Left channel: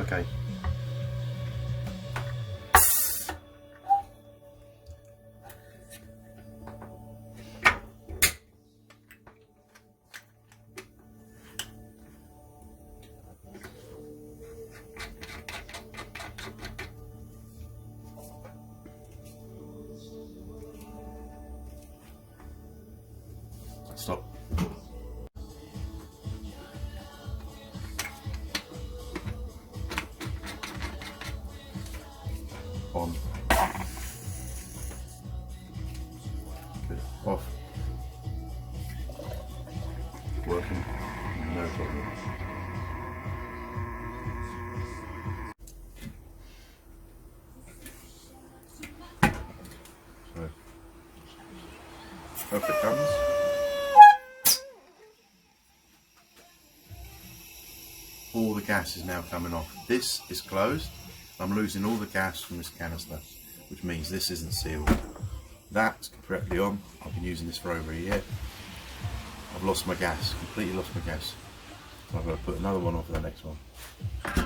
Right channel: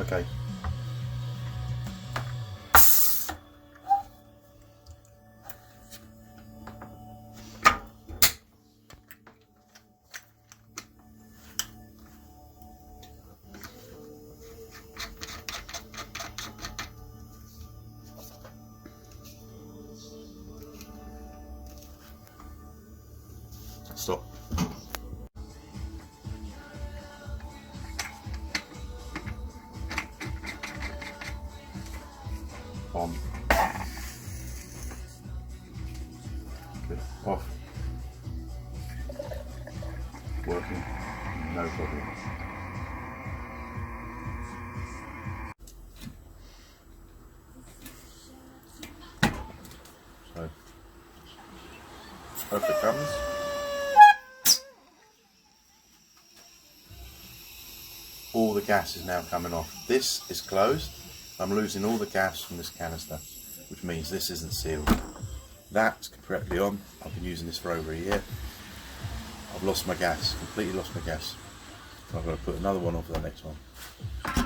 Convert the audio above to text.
Okay. Stop. On. Good. Off. Working. No problem. So, hope it comes. All the gas is now coming off. This is closed. I'm losing all the gas from this canister, which means this isn't sealed. That's correctly on. I've been using this for over a year. I've lost my gas, completely lost my gas. So I've got to put another one on for the next one.